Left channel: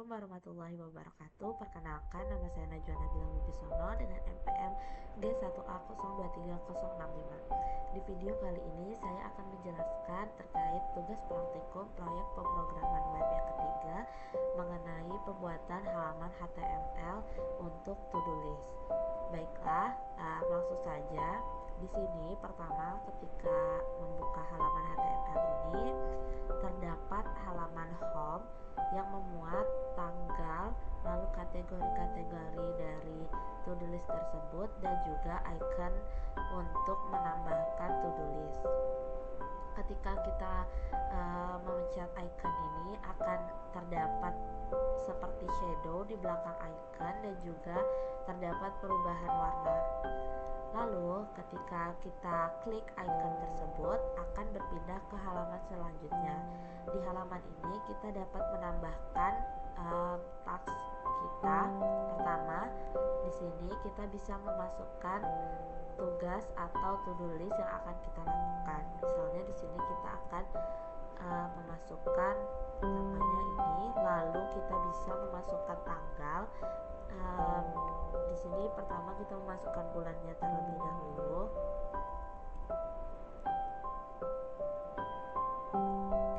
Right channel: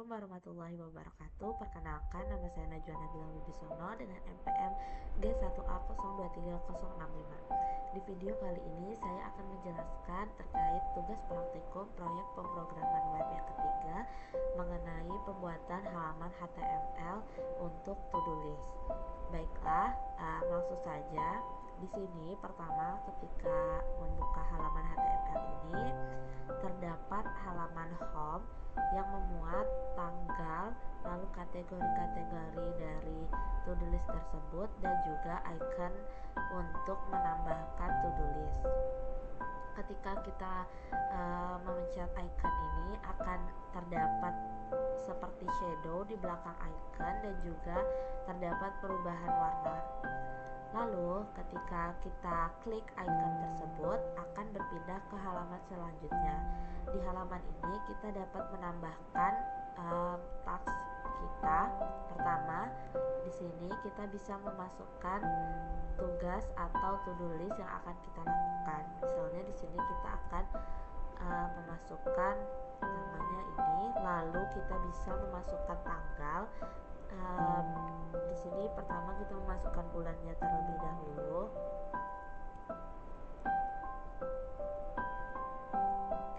Assalamualaikum warahmatullahi wabarakatuh. Perkenalkan, nama saya Najwa Nabila Wibisono dengan NPM G1A023065. Di video kali ini saya akan menjelaskan terkait tugas praktikum proyek pemrograman web yang ketiga mengenai pembuatan halaman HTML untuk to-do list. Baiklah, langsung saja. Di sini pertama ketika membuka halaman HTML ini terdapat halaman home yang memuat tanggal, lalu kategori-kategori dari to-do list tersebut dan juga icon untuk menambahkan to-do list. Ketika kita memencet icon ini akan terdapat seperti shadow di belakang icon dan juga terdapat perubahan warna. Lalu ketika kita klik icon tersebut akan berpindah ke halaman selanjutnya. Di halaman ini kita dapat menambahkan taks kita. Pertama, di sini kita bisa memasukkan tugas atau to-do list yang akan kita lakukan. Misalnya di sini kita akan memasukkan namanya ini, lalu kita bisa memasukkan tanggal. Di sini pertama kita memasukkan bulannya terlebih dahulu.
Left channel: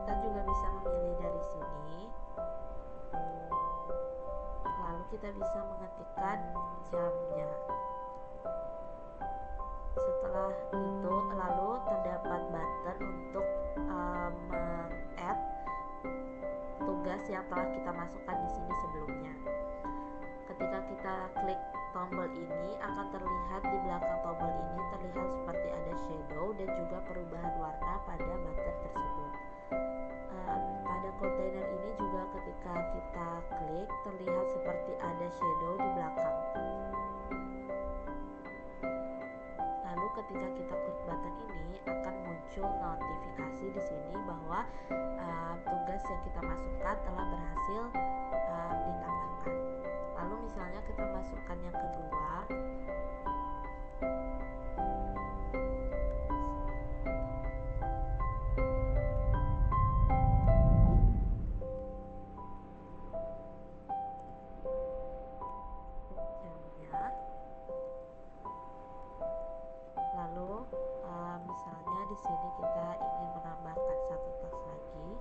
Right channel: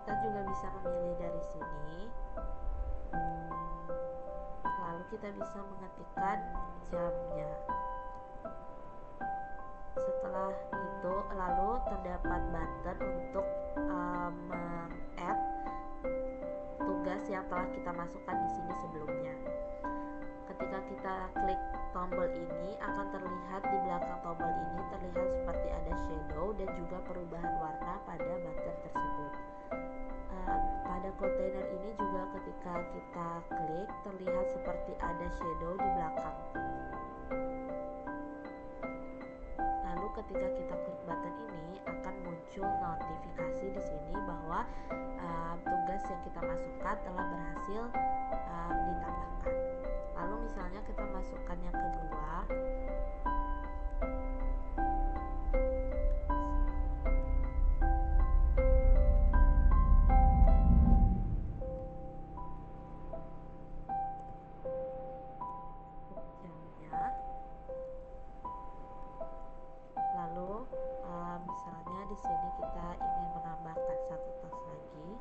Kita juga bisa memilih dari sini. Lalu kita bisa mengetikkan jamnya. Setelah itu lalu terdapat button untuk meng-add tugas yang telah kita masukkan di sini sebelumnya. Ketika kita klik tombol ini akan terlihat di belakang tombol ini terlihat seperti ada shadow dan juga perubahan warna pada button tersebut. Pada kontainer ini juga ketika kita klik terlihat seperti ada shadow di belakang. Lalu ketika kita klik button ini akan muncul notifikasi di sini bahwa tugas yang kita masukkan telah berhasil ditambahkan. Lalu misalnya kita masukkan yang kedua. Jamnya. Lalu misalnya di sini kita ingin menambahkan satu teks lagi.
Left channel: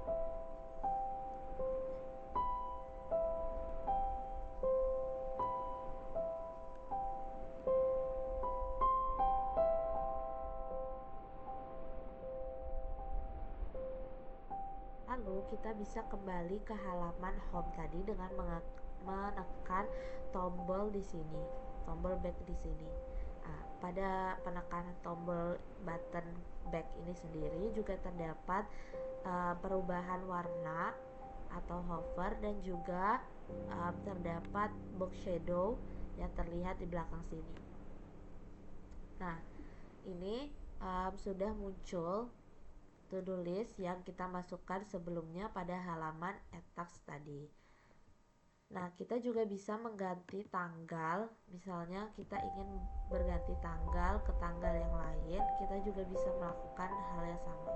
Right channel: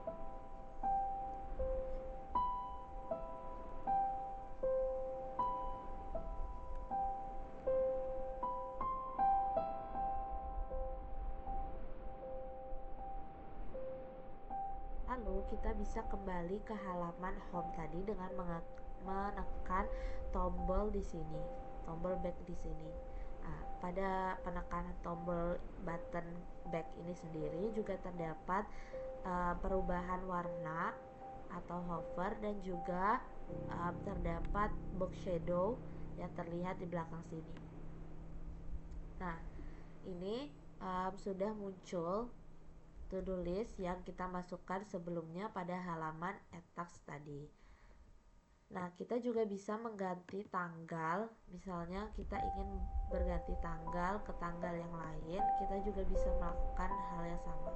Lalu kita bisa kembali ke halaman home tadi dengan menekan tombol di sini, tombol back di sini. Pada penekanan tombol button back ini sendiri juga terdapat perubahan warna atau hover dan juga terdapat box shadow yang terlihat di belakang sini. Nah, ini sudah muncul to-do list yang kita masukkan sebelumnya pada halaman add task tadi. Nah, kita juga bisa mengganti tanggal. Misalnya kita ingin berganti tanggal ke tanggal yang lain, kita juga bisa melakukan hal yang sama.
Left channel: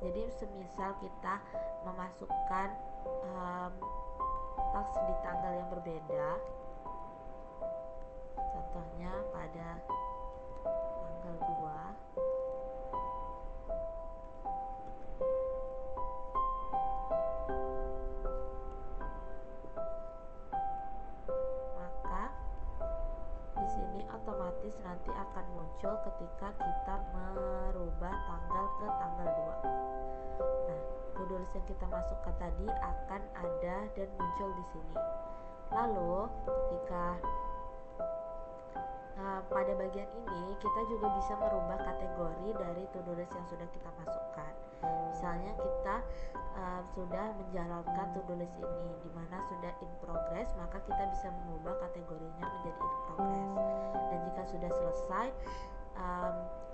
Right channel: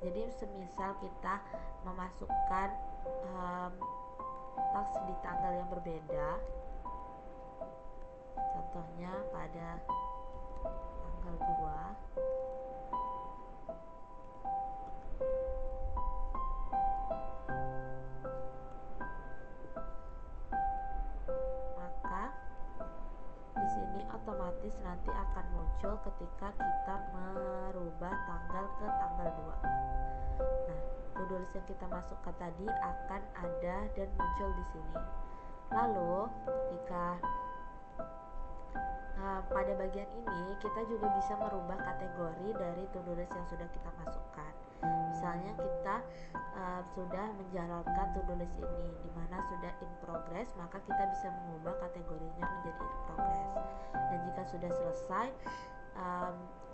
Jadi semisal kita memasukkan task di tanggal yang berbeda, contohnya pada tanggal 2, di sini otomatis nanti akan muncul ketika kita merubah tanggal ke tanggal 2. Nah, to-do list yang kita masukkan tadi akan ada dan muncul di sini. Lalu ketika pada bagian ini kita juga bisa merubah kategori dari to-do list yang sudah kita masukkan. Misalnya kita sudah menjalankan to-do list ini di mana sudah in progress, maka kita bisa mengubah kategorinya menjadi in progress. Dan jika sudah selesai,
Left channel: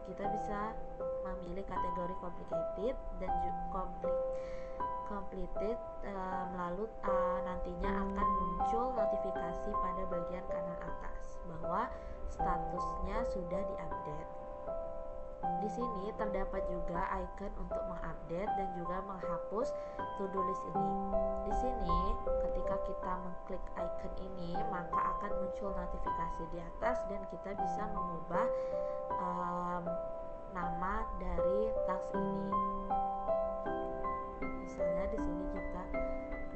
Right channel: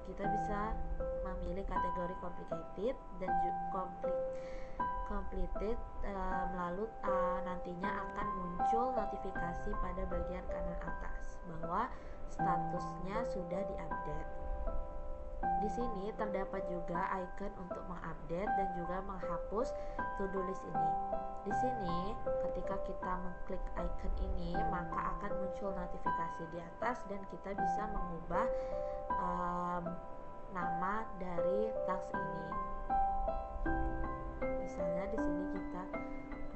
kita bisa memilih kategori complicated dan completed, lalu nantinya akan muncul notifikasi pada bagian kanan atas bahwa statusnya sudah diupdate. Di sini terdapat juga icon untuk mengupdate dan juga menghapus to-do list ini. Di sini ketika kita mengklik icon ini, maka akan muncul notifikasi di atas dan kita bisa mengubah nama dari task ini. Misalnya di sini kita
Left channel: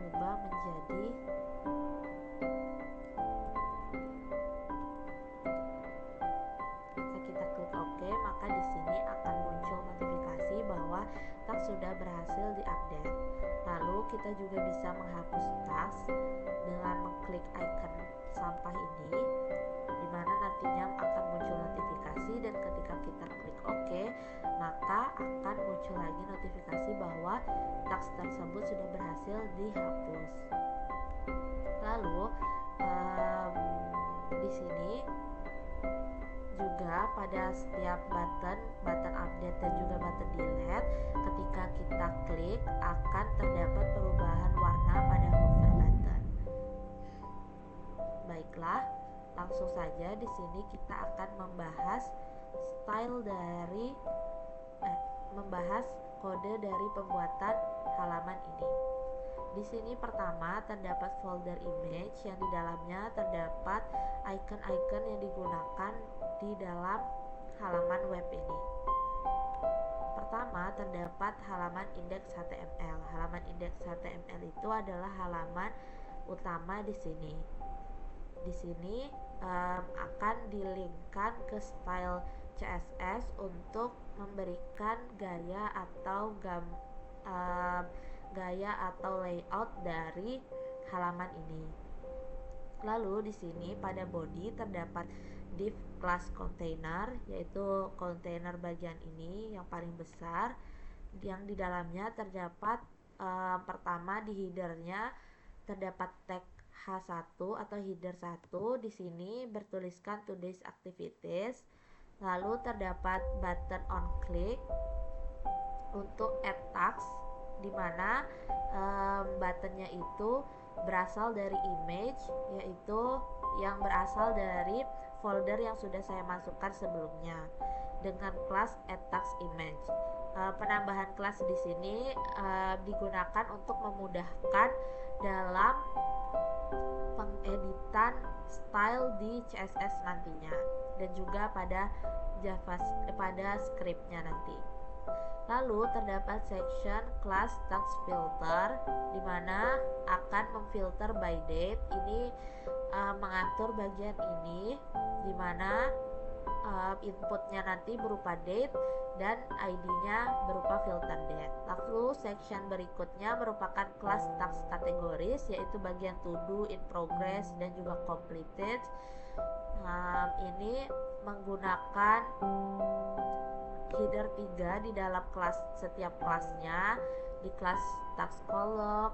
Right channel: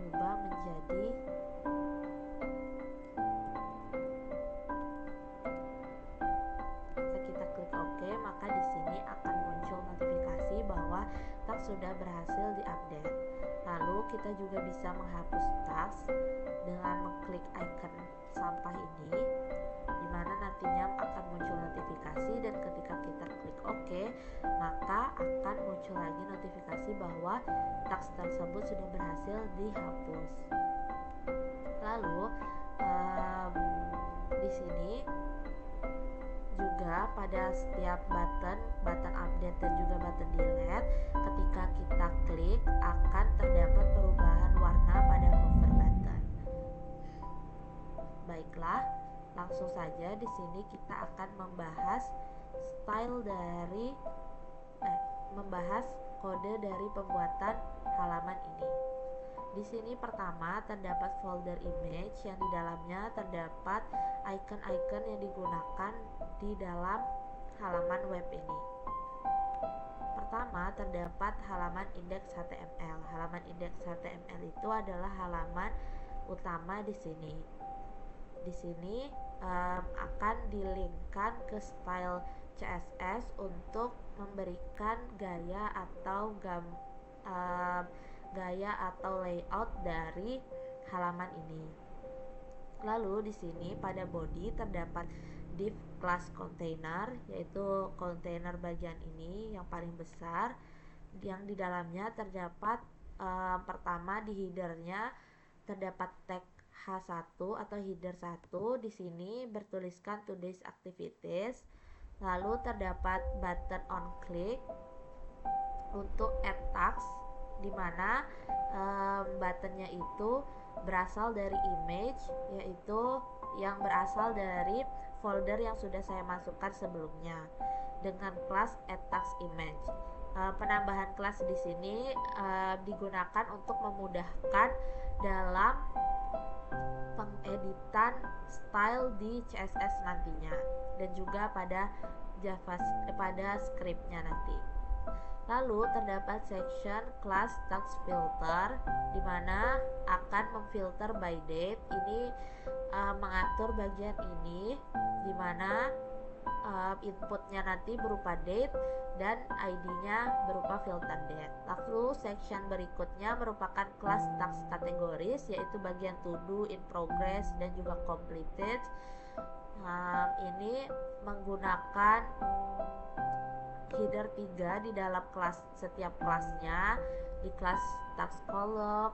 ubah menjadi kita klik OK, maka di sini akan muncul notifikasi bahwa task sudah berhasil diupdate. Lalu kita juga bisa menghapus task dengan mengklik icon sampah ini, di mana nantinya akan muncul notifikasi, dan ketika kita klik OK, maka akan muncul lagi notifikasi bahwa task tersebut sudah berhasil dihapus. Lalu di sini juga pada setiap button update dan juga button delete, ketika kita klik akan terdapat perubahan warna pada hover button. Baiklah, langsung saja di sini kita akan membahas membahas kode dari pembuatan halaman ini. Di sini pertama terdapat folder image yang di dalamnya terdapat icon-icon yang digunakan di dalam halaman web ini. Pertama terdapat halaman index HTML. Halaman index HTML itu adalah halaman utama di sini. Di sini akan dilinkkan ke style CSS untuk memberikan gaya atau layout dari halaman ini. Lalu di sini pada body terdapat div class container, yaitu kontainer bagian ini yang paling besar, yang di dalamnya terdapat pertama di headernya terdapat tag H1 atau header 1. Di sini bertuliskan today's activities. Lalu terdapat button on click untuk add task, di mana buttonnya itu berasal dari image, yaitu yang berasal dari folder yang sudah saya masukkan sebelumnya dengan kelas add task image. Penambahan kelas di sini digunakan untuk memudahkan dalam pengeditan style di CSS nantinya, dan juga pada scriptnya nanti. Lalu terdapat section class task filter, di mana akan memfilter by date. Ini mengatur bagian ini, di mana inputnya nanti berupa date dan ID-nya berupa filter date. Lalu section berikutnya merupakan kelas task kategoris, yaitu bagian to do, in progress, dan juga completed. Ini menggunakan header 3 di dalam kelas setiap kelasnya. Di kelas task column,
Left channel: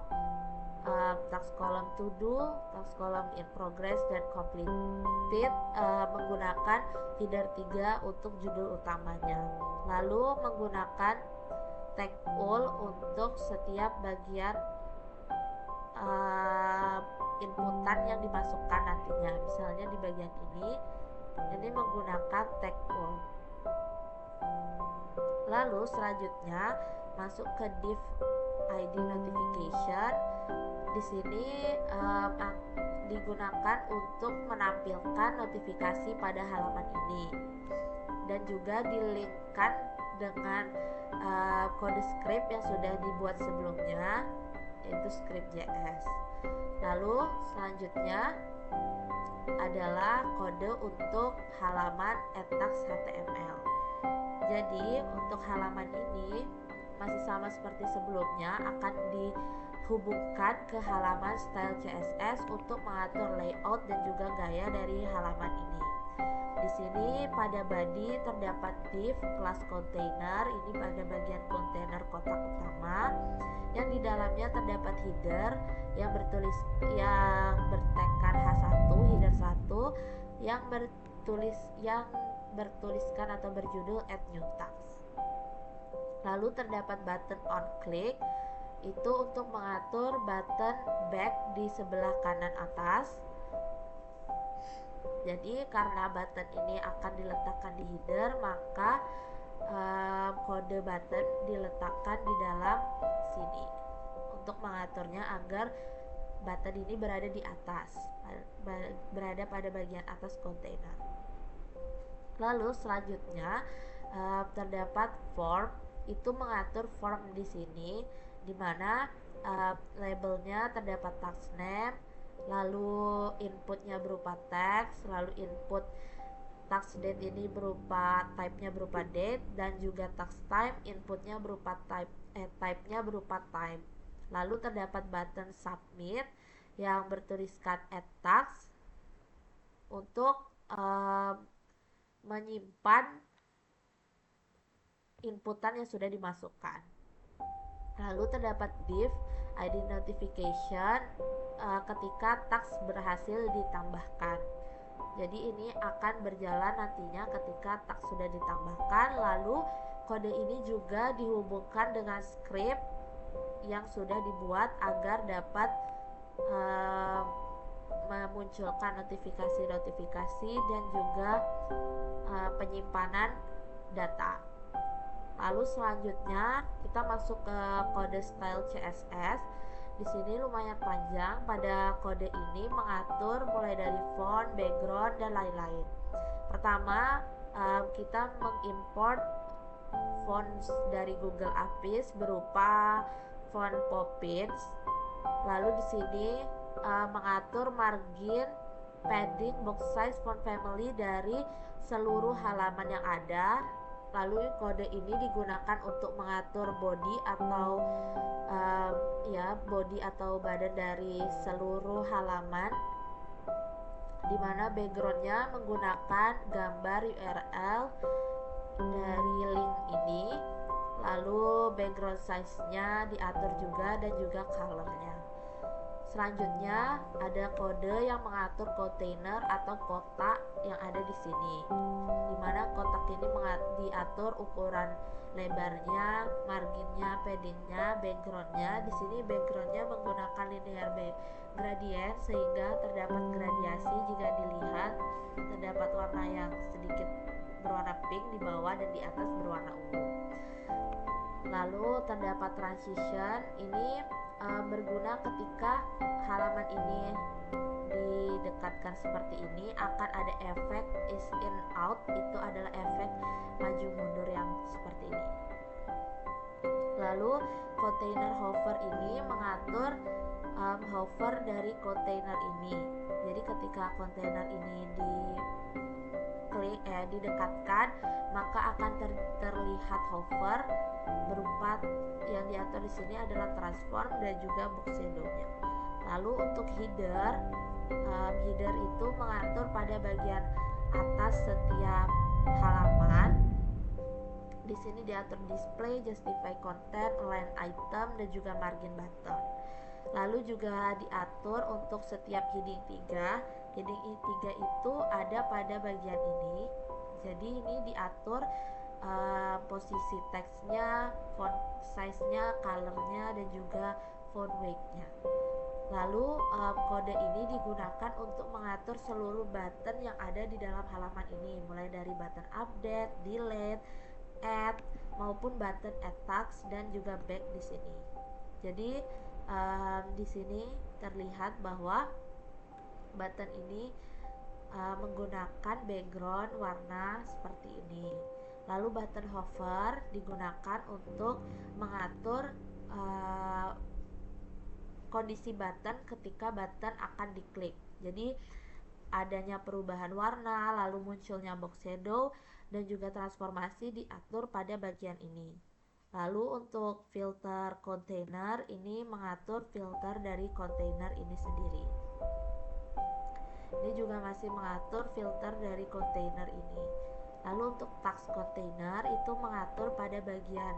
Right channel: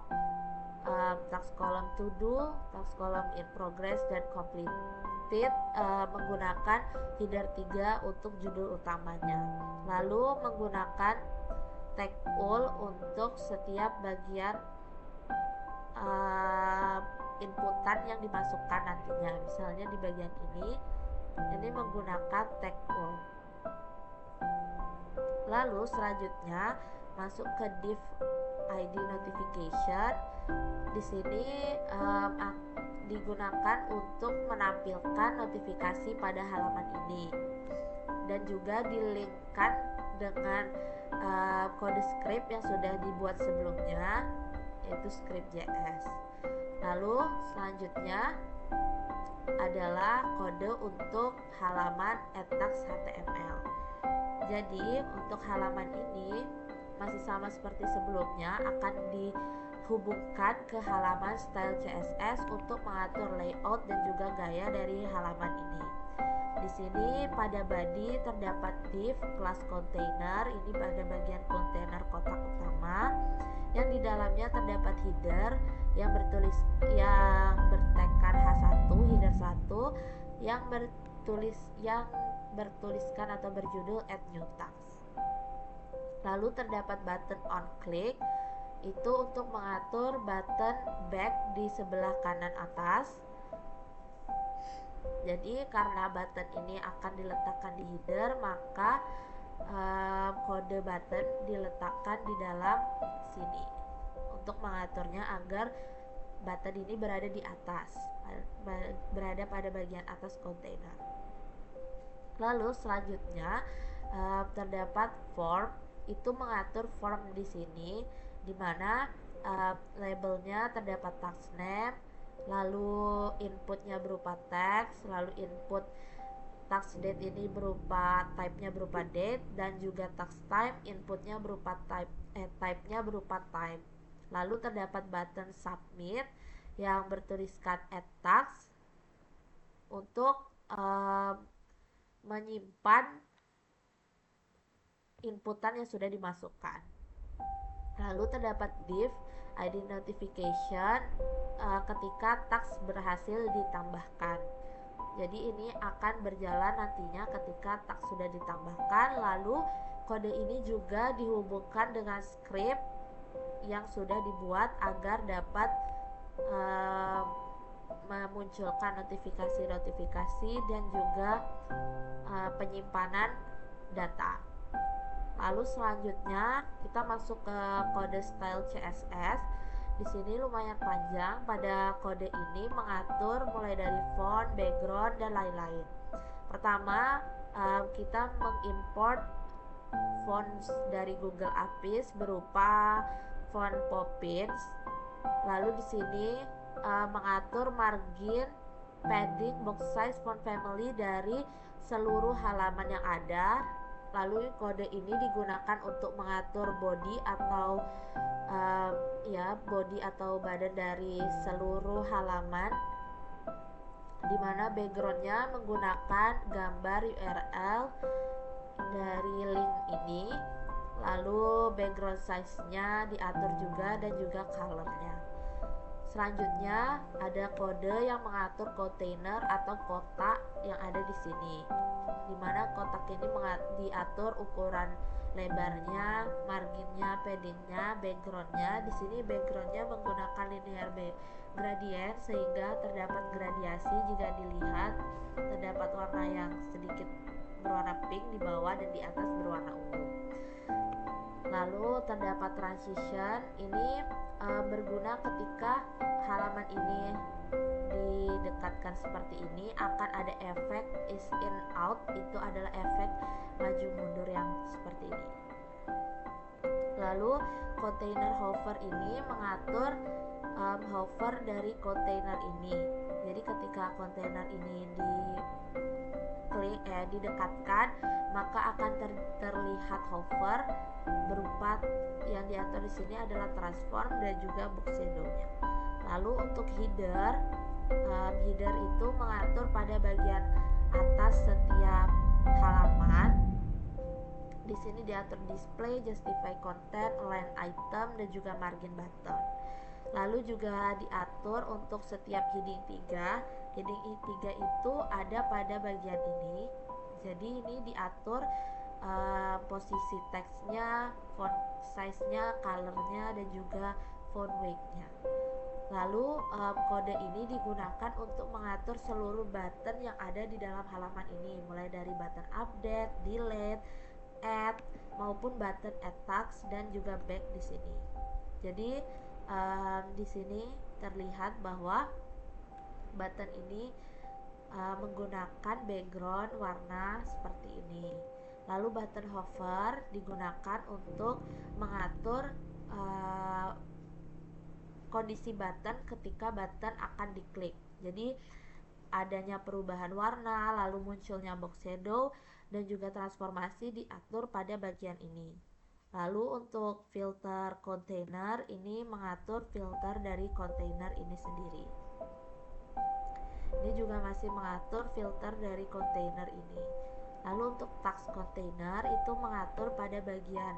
task column to do, task column in progress, dan completed menggunakan header 3 untuk judul utamanya. Lalu menggunakan tag all untuk setiap bagian inputan yang dimasukkan nantinya. Misalnya di bagian ini menggunakan tag all. Lalu selanjutnya masuk ke div ID notification. Di sini digunakan untuk menampilkan notifikasi pada halaman ini, dan juga dilinkkan dengan kode script yang sudah dibuat sebelumnya, yaitu script.js. Lalu selanjutnya adalah kode untuk halaman add task HTML. Jadi untuk halaman ini masih sama seperti sebelumnya, akan dihubungkan ke halaman style CSS untuk mengatur layout dan juga gaya dari halaman ini. Di sini pada body terdapat div class container, ini pada bagian kontainer kotak utama, yang di dalamnya terdapat header yang bertagkan H1, header 1, yang bertuliskan atau berjudul add new task. Lalu terdapat button on click, itu untuk mengatur button back di sebelah kanan atas. Jadi karena button ini akan diletakkan di header, maka kode button diletakkan di dalam sini untuk mengaturnya agar button ini berada di atas, berada pada bagian atas kontainer. Lalu selanjutnya terdapat form, itu mengatur form di sini, di mana labelnya terdapat task name, lalu inputnya berupa teks, lalu input task date ini berupa type-nya berupa date, dan juga task time inputnya berupa type-nya berupa time. Lalu terdapat button submit yang bertuliskan add task untuk menyimpan inputan yang sudah dimasukkan. Lalu terdapat div ID notification ketika task berhasil ditambahkan. Jadi ini akan berjalan nantinya ketika task sudah ditambahkan. Lalu kode ini juga dihubungkan dengan script yang sudah dibuat agar dapat memunculkan notifikasi-notifikasi dan juga penyimpanan data. Lalu selanjutnya kita masuk ke kode style CSS. Di sini lumayan panjang. Pada kode ini mengatur mulai dari font, background, dan lain-lain. Pertama, kita mengimport font dari Google Apps berupa font Poppins. Lalu di sini mengatur margin, padding, box size, font family dari seluruh halaman yang ada. Lalu kode ini digunakan untuk mengatur body atau body atau badan dari seluruh halaman, dimana backgroundnya menggunakan gambar URL dari link ini. Lalu background size-nya diatur juga, dan juga color-nya. Selanjutnya ada kode yang mengatur kontainer atau kotak yang ada di sini, dimana kotak ini diatur ukuran lebarnya, marginnya, paddingnya, backgroundnya. Di sini backgroundnya menggunakan linear gradient sehingga terdapat gradiasi. Jika dilihat terdapat warna yang sedikit berwarna pink di bawah dan di atas berwarna ungu. Lalu terdapat transition, ini berguna ketika halaman ini didekatkan seperti ini, akan ada efek is in out, itu adalah efek maju mundur yang seperti ini. Lalu container hover ini mengatur hover dari kontainer ini. Jadi ketika kontainer ini didekatkan, maka akan terlihat hover berupa yang diatur di sini adalah transform dan juga box shadow-nya. Lalu untuk header itu mengatur pada bagian atas setiap halaman. Di sini diatur display, justify content, align item, dan juga margin button. Lalu juga diatur untuk setiap heading 3. Heading 3 itu ada pada bagian ini. Jadi ini diatur posisi teksnya, font size-nya, color-nya, dan juga font weight-nya. Lalu kode ini digunakan untuk mengatur seluruh button yang ada di dalam halaman ini, mulai dari button update, delete, add, maupun button add task dan juga back di sini. Jadi di sini terlihat bahwa button ini menggunakan background warna seperti ini. Lalu button hover digunakan untuk mengatur kondisi button ketika button akan diklik. Jadi adanya perubahan warna, lalu munculnya box shadow, dan juga transformasi diatur pada bagian ini. Lalu untuk filter container ini mengatur filter dari container ini sendiri. Ini juga masih mengatur filter dari container ini. Lalu untuk task container itu mengatur pada bagian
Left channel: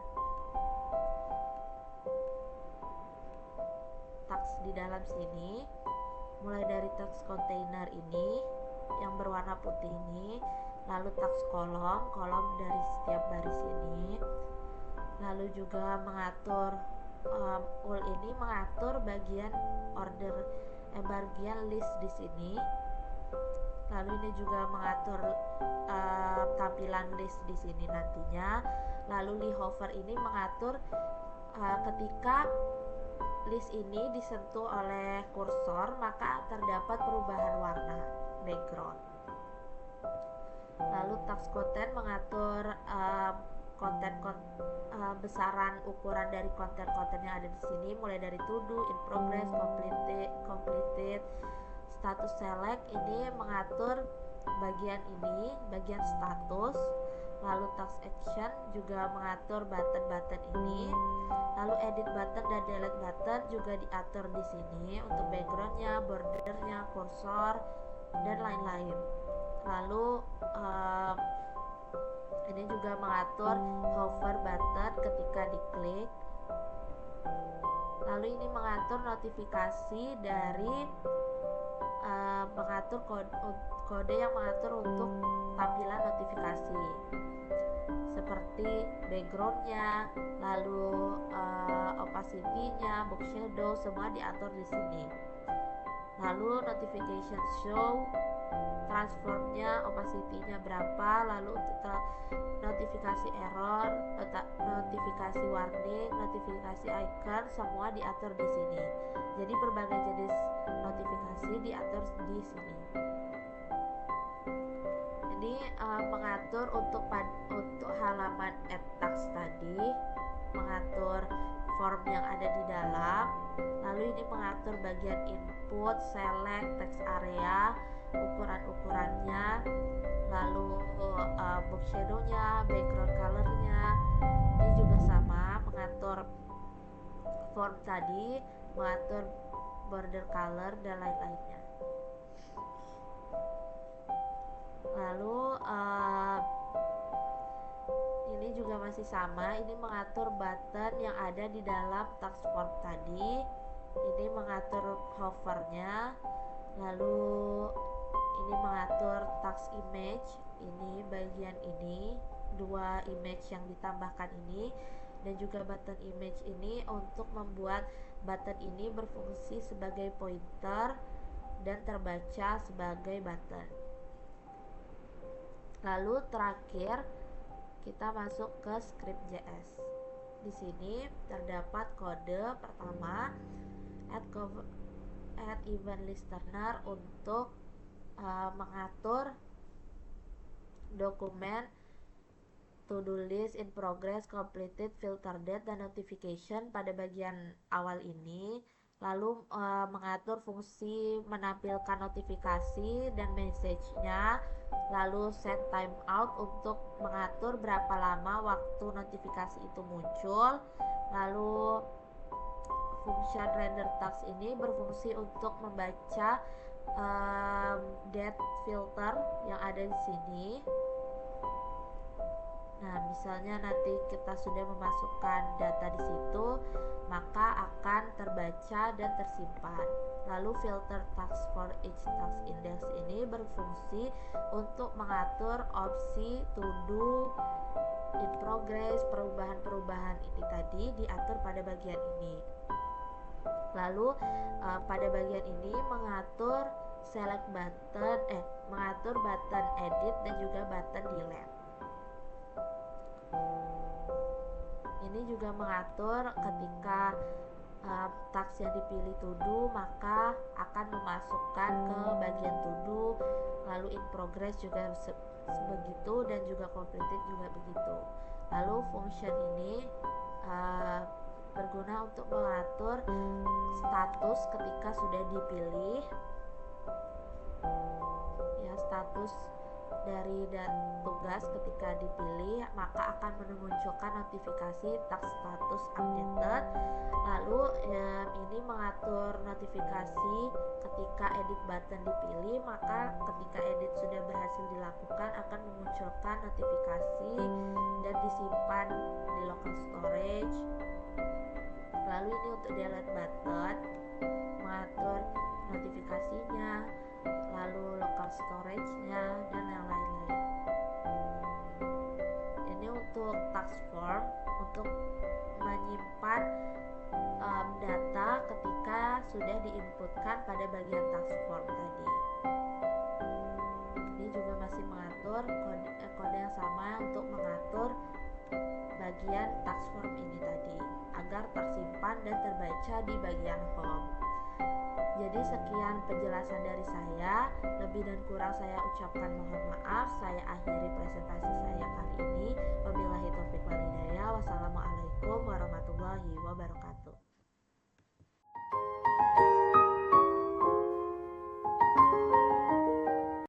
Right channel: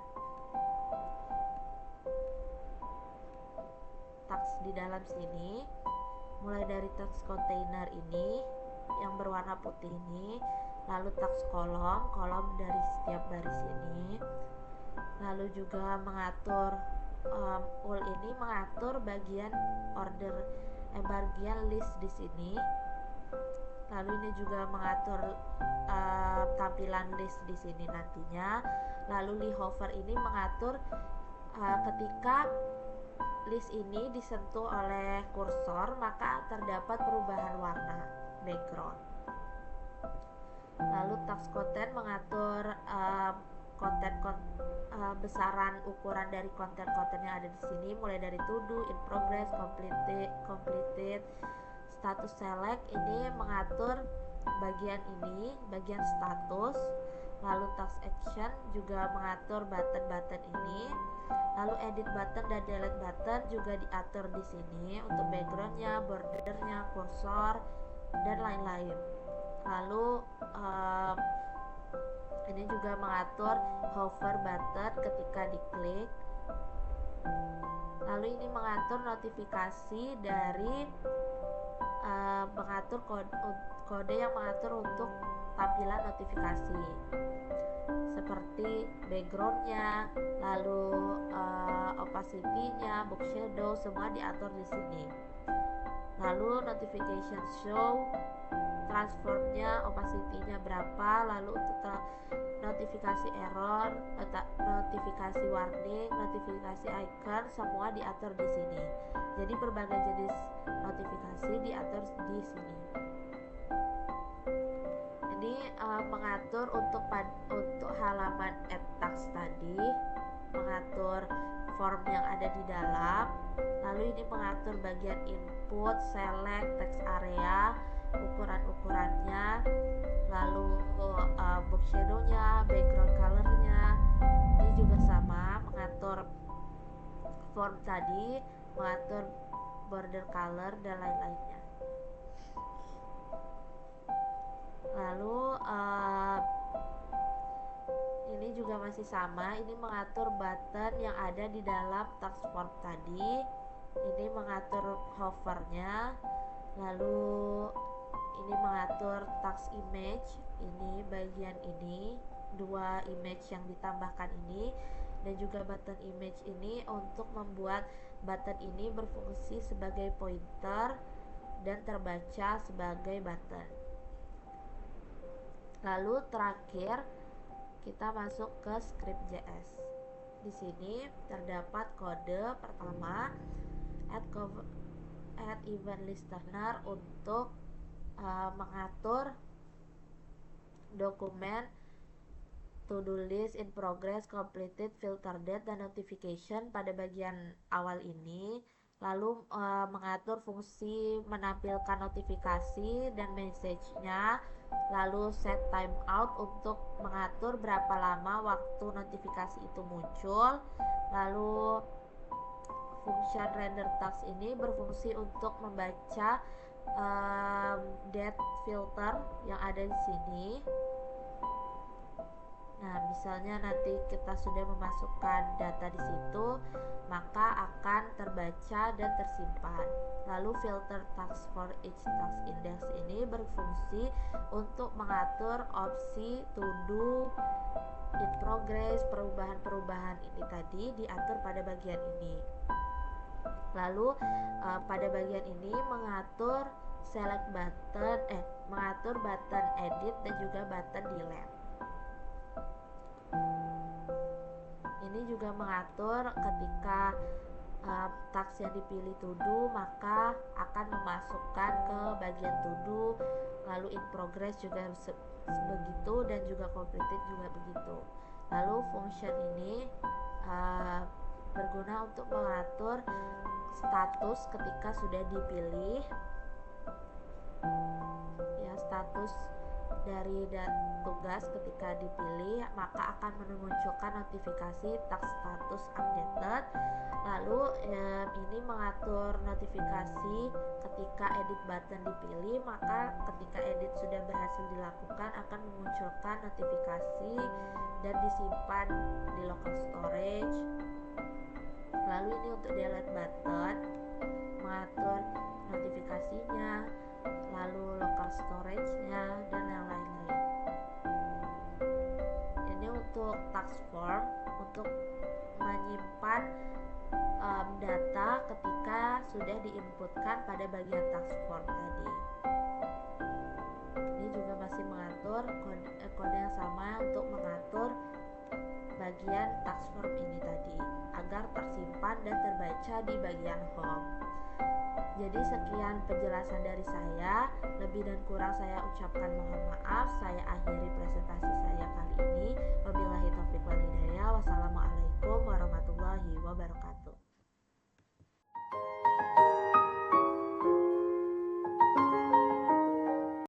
task di dalam sini, mulai dari task container ini yang berwarna putih ini, lalu task kolom dari setiap baris ini. Lalu juga mengatur ul ini mengatur bagian order bagian list di sini. Lalu ini juga mengatur tampilan list di sini nantinya. Lalu li hover ini mengatur ketika list ini disentuh oleh kursor maka terdapat perubahan warna background. Lalu task content mengatur besaran ukuran dari konten-konten yang ada di sini, mulai dari to do, in progress, completed, status select. Ini mengatur bagian ini, bagian status. Lalu task action juga mengatur button-button ini. Lalu edit button dan delete button juga diatur di sini untuk backgroundnya, bordernya, kursor, dan lain-lain. Lalu ini juga mengatur hover button ketika diklik. Lalu ini mengatur notifikasi dari mengatur kode yang mengatur untuk tampilan notifikasi seperti backgroundnya, lalu opacity-nya, box shadow, semua diatur di sini. Lalu notification show, transformnya, opacity-nya berapa, lalu untuk notifikasi error, notifikasi warning, notifikasi icon, semua diatur di sini. Jadi berbagai jenis notifikasi diatur di sini. Ini mengatur untuk halaman add task tadi, mengatur form yang ada di dalam. Lalu ini mengatur bagian input, select, text area, ukuran-ukurannya, lalu box shadow-nya, background color-nya. Ini juga sama, mengatur form tadi, mengatur border color dan lain-lainnya. Lalu ini juga masih sama, ini mengatur button yang ada di dalam task form tadi. Ini mengatur hovernya. Lalu ini mengatur task image, ini bagian ini, dua image yang ditambahkan ini, dan juga button image ini untuk membuat button ini berfungsi sebagai pointer dan terbaca sebagai button. Lalu terakhir kita masuk ke script.js. Di sini terdapat kode pertama add event listener untuk mengatur dokumen to do list, in progress, completed, filter date, dan notification pada bagian awal ini. Lalu mengatur fungsi menampilkan notifikasi dan message-nya. Lalu set timeout untuk mengatur berapa lama waktu notifikasi itu muncul. Lalu function render task ini berfungsi untuk membaca date filter yang ada di sini. Nah, misalnya nanti kita sudah memasukkan data di situ, maka akan terbaca dan tersimpan. Lalu filter task for each task index ini berfungsi untuk mengatur opsi to do, in progress, perubahan-perubahan ini tadi diatur pada bagian ini. Lalu pada bagian ini mengatur select button, mengatur button edit dan juga button delete. Ini juga mengatur ketika task yang dipilih to do maka akan memasukkan ke bagian to do, lalu in progress juga begitu, dan juga completed juga begitu. Lalu function ini berguna untuk mengatur status ketika sudah dipilih, ya, status dari tugas ketika dipilih maka akan memunculkan notifikasi task status updated. Lalu ini mengatur notifikasi ketika edit button dipilih, maka ketika edit sudah berhasil dilakukan akan memunculkan notifikasi dan disimpan di local storage. Lalu ini untuk delete button, mengatur notifikasinya, lalu local storage-nya, dan yang lain-lain. Ini untuk task form, untuk menyimpan data ketika sudah diinputkan pada bagian task form tadi. Ini juga masih mengatur kode yang sama untuk mengatur bagian task form ini tadi agar tersimpan dan terbaca di bagian home. Jadi sekian penjelasan dari saya, lebih dan kurang saya ucapkan mohon maaf. Saya akhiri presentasi saya kali ini. Wabillahi taufiq wal hidayah. Wassalamualaikum warahmatullahi wabarakatuh.